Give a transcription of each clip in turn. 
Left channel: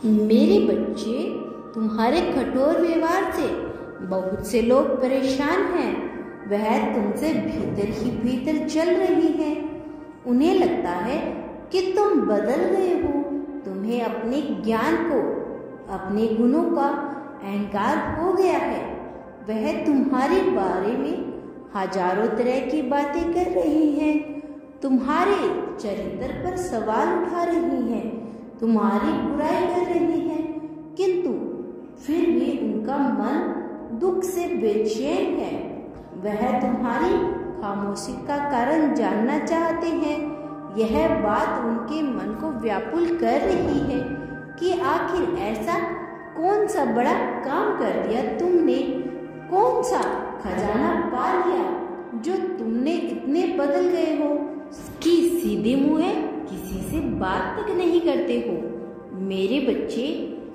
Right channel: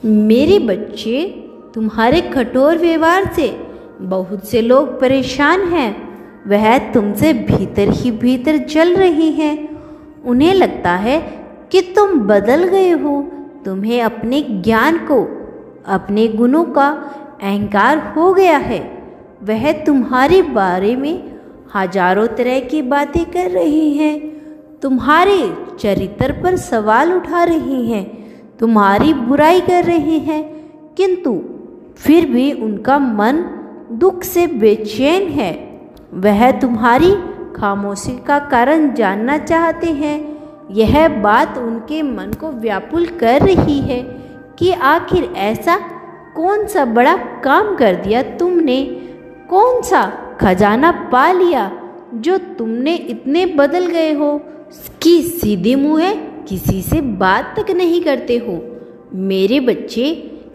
मेरे बच्चे, तुम्हारे कठोर व्यवहार से बहुत से लोग परेशान हैं। वह तुमसे भीतर ही भीतर जल रही हैं। उन्हें लगता है कि तुम बदल गए हो। तुम्हें अपने ज्ञान को, अपने गुणों का अहंकार हो गया है। वह तुम्हारे बारे में हजारों तरह की बातें कर रही हैं। तुम्हारे चरित्र पर सवाल उठा रही हैं, तुम्हारी बुराई कर रही हैं, किंतु फिर भी उनका मन दुख से बेचैन है। वह तुम्हारी खामोशी का कारण जानना चाहते हैं। यह बात उनके मन को व्याकुल कर रही है कि आखिर ऐसा कौन सा बड़ा काम कर दिया तुमने, कौन सा खजाना पा लिया जो तुमने इतने बदल गए हो कि सीधे मुंह किसी से बात तक नहीं करते हो। मेरे बच्चे,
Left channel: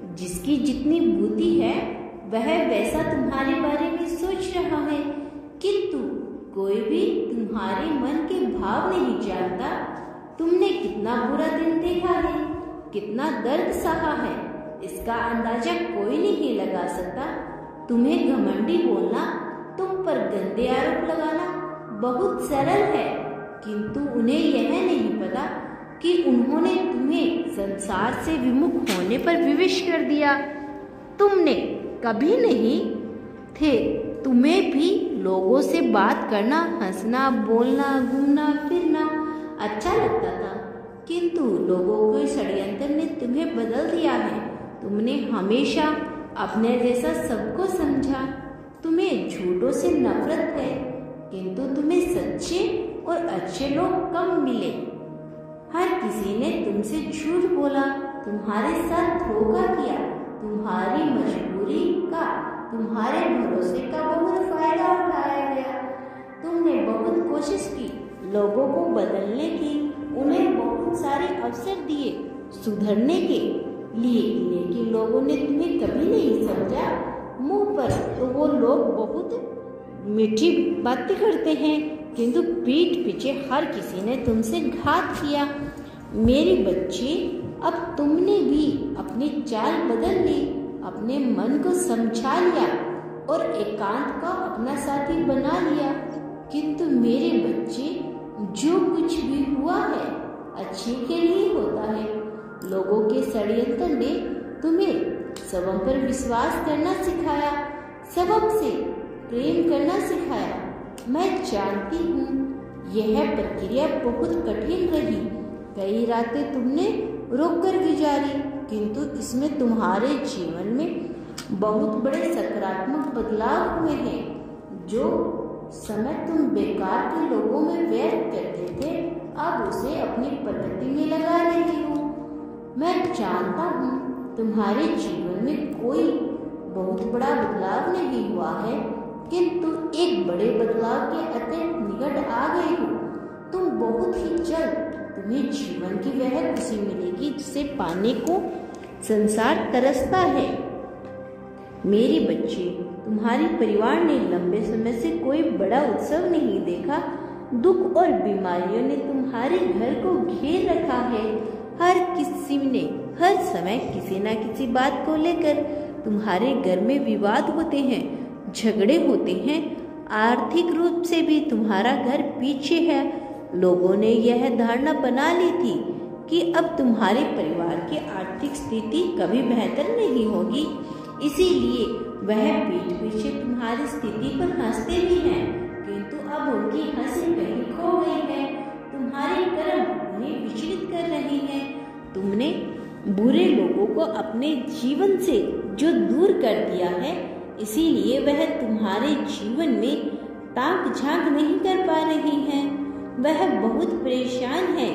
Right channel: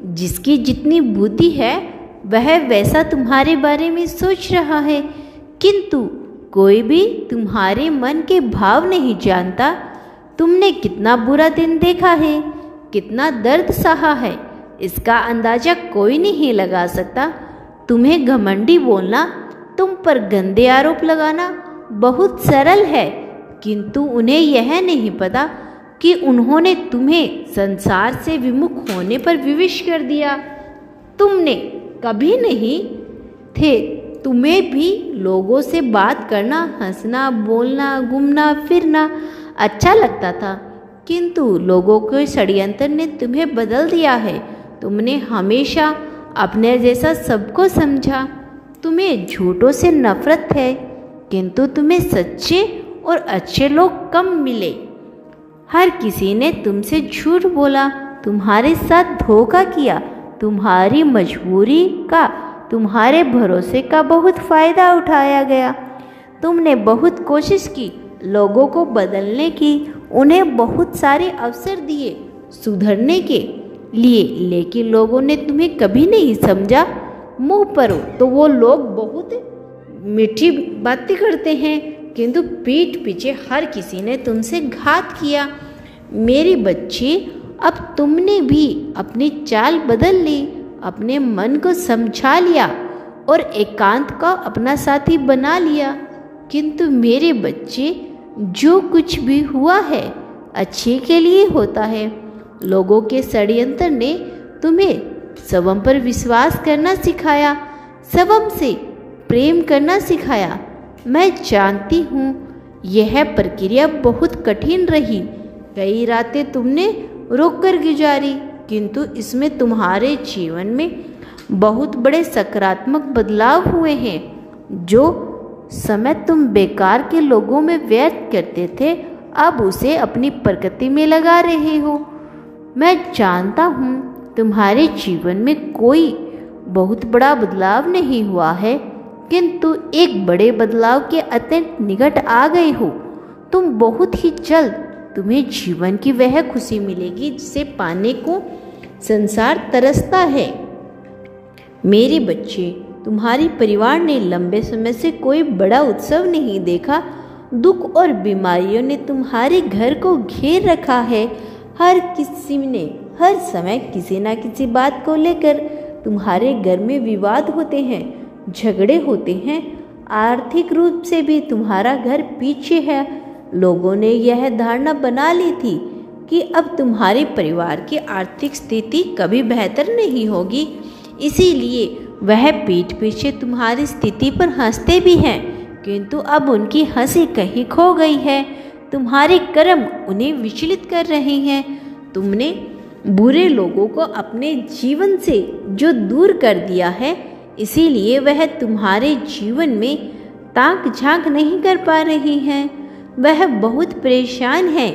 जिसकी जितनी बुद्धि है वह वैसा तुम्हारे बारे में सोच रहा है, किंतु कोई भी तुम्हारे मन के भाव नहीं जानता। तुमने कितना बुरा दिन देखा है, कितना दर्द सहा है, इसका अंदाजा कोई नहीं लगा सकता। तुम्हें घमंडी बोलना, तुम पर गंदे आरोप लगाना बहुत सरल है, किंतु उन्हें यह नहीं पता कि उन्होंने तुम्हें संसार से विमुख होने पर विवश कर दिया। तुमने कभी नहीं थे, तुम्हें भी लोगों से बात करना, हंसना, बोलना, घूमना फिरना अच्छा लगता था, किंतु लोगों के षड्यंत्र ने तुम्हें बदल दिया है। तुमने हमेशा अपने जैसा सबको समझा। तुम्हें झूठों से नफरत है, किंतु तुम्हें सच्चे और अच्छे लोग कम मिले। हर किसी ने तुमसे झूठ बोला, तुम्हारे साथ धोखा किया। तुम्हारी मजबूरी का, तुम्हारे भरोसे का बहुत फायदा उठाया गया। तुमने बहुत कोशिश की लोगों को बदलने की, उन्हें बहुत सारे अवसर दिए सुधरने के लिए, लेकिन लोगों ने तुम्हें कभी नहीं समझा। मुंह पर तो वो लोग बहुत मीठी बातें करते हैं, किंतु पीठ पीछे हर किसी ने तुमसे घात किया। मेरे बच्चे, अब तुमने भी अपनी चाल बदल ली, अपने मन को समझा लिया और एकांत का अपना साथी बना लिया। किंतु मेरे बच्चे, जो कुछ भी हुआ है अच्छे के लिए होता है। लोगों के षड्यंत्र ने तुम्हें स्वयं पर विश्वास करना सिखाया, स्वयं से प्रेम करना सिखाया। मैं जानती हूँ यह प्रक्रिया बहुत कठिन रही। कई रातें तुमने रोकर गुजारी, किंतु इसमें तुम्हारे जीवन में बहुत बड़े सकारात्मक बदलाव हुए हैं। जो समय तुम बेकार के लोगों में व्यर्थ करते थे, अब उसे अपनी प्रकृति में लगा रहे हो। मैं जानता हूँ तुम्हारे जीवन में कोई बहुत बड़ा बदलाव नहीं हुआ है, किंतु एक बड़े बदलाव के अत्यंत निकट आ गए हो। तुम बहुत ही जल्द, तुम्हें जीवन की वह खुशी मिलेगी जिसे पाने को संसार तरसता है। मेरे बच्चे, तुम्हारे परिवार ने लंबे समय से कोई बड़ा उत्सव नहीं देखा। दुख और बीमारियों ने तुम्हारे घर को घेर रखा है। हर किसी ने हर समय किसी न किसी बात को लेकर तुम्हारे घर में विवाद होते हैं, झगड़े होते हैं। आर्थिक रूप से भी तुम्हारा घर पीछे है। लोगों ने यह धारणा बना ली थी कि अब तुम्हारे परिवार की आर्थिक स्थिति कभी बेहतर नहीं होगी, इसीलिए वह पीठ पीछे तुम्हारी स्थिति पर हंसते भी हैं, किंतु अब उनकी हंसी कहीं खो गई है। तुम्हारे कर्म उन्हें विचलित कर रहे हैं। तुमने बुरे लोगों को अपने जीवन से जो दूर कर दिया है, इसीलिए वह तुम्हारे जीवन में ताक झांक नहीं कर पा रही हैं। वह बहुत परेशान है।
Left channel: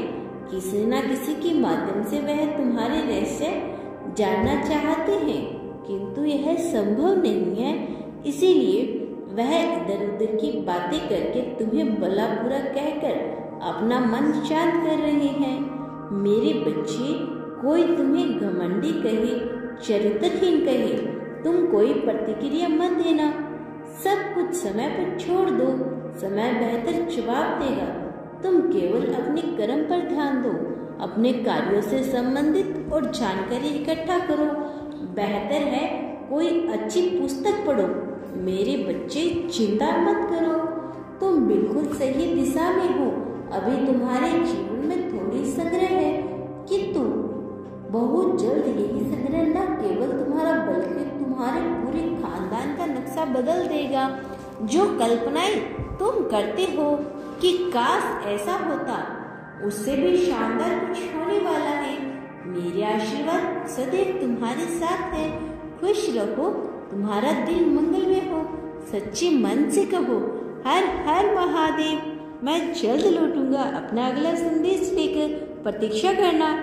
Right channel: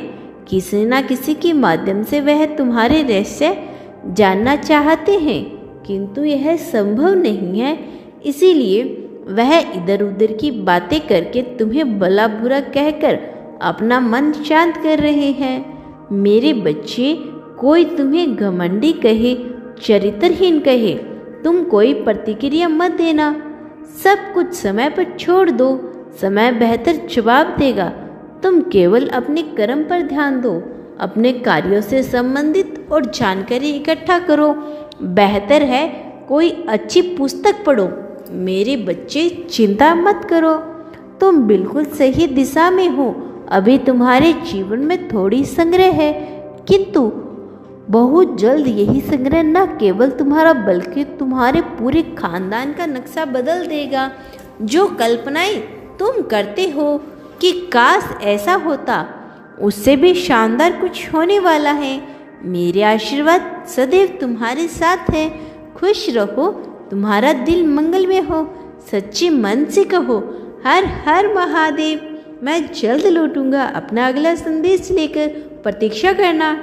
किसी न किसी के माध्यम से वह तुम्हारे रहस्य जानना चाहते हैं, किंतु यह संभव नहीं है। इसीलिए वह इधर उधर की बातें करके तुम्हें भला बुरा कहकर अपना मन शांत कर रहे हैं। मेरे बच्चे, कोई तुम्हें घमंडी कहे, चरित्रहीन कहे, तुम कोई प्रतिक्रिया मत देना। सब कुछ समय पर छोड़ दो, समय बेहतर जवाब देगा। तुम केवल अपने कर्म पर ध्यान दो। अपने कार्यों से संबंधित और जानकारी इकट्ठा करो। बेहतर है कोई अच्छी पुस्तक पढ़ो। मेरे बच्चे, चिंता मत करो, तुम बिल्कुल सही दिशा में हो। अभी तुम्हारे जीवन में थोड़ी संग्रह है, किंतु बहुत जल्द यही संग्रह न केवल तुम्हारा बल्कि तुम्हारे पूरे खानदान का नक्शा बदल देगा। जो कल्पनाएं तुम करते हो कि काश ऐसा होता, उससे भी शानदार कुछ होने वाला है। मेरे आशीर्वाद सदैव तुम्हारे साथ है। खुश रहो, तुम्हारा दिल मंगल में हो। सच्चे मन से कहो, हर हर महादेव। मैं जल्द लौटूंगा अपना अगला संदेश लेकर, प्रतीक्षा करना।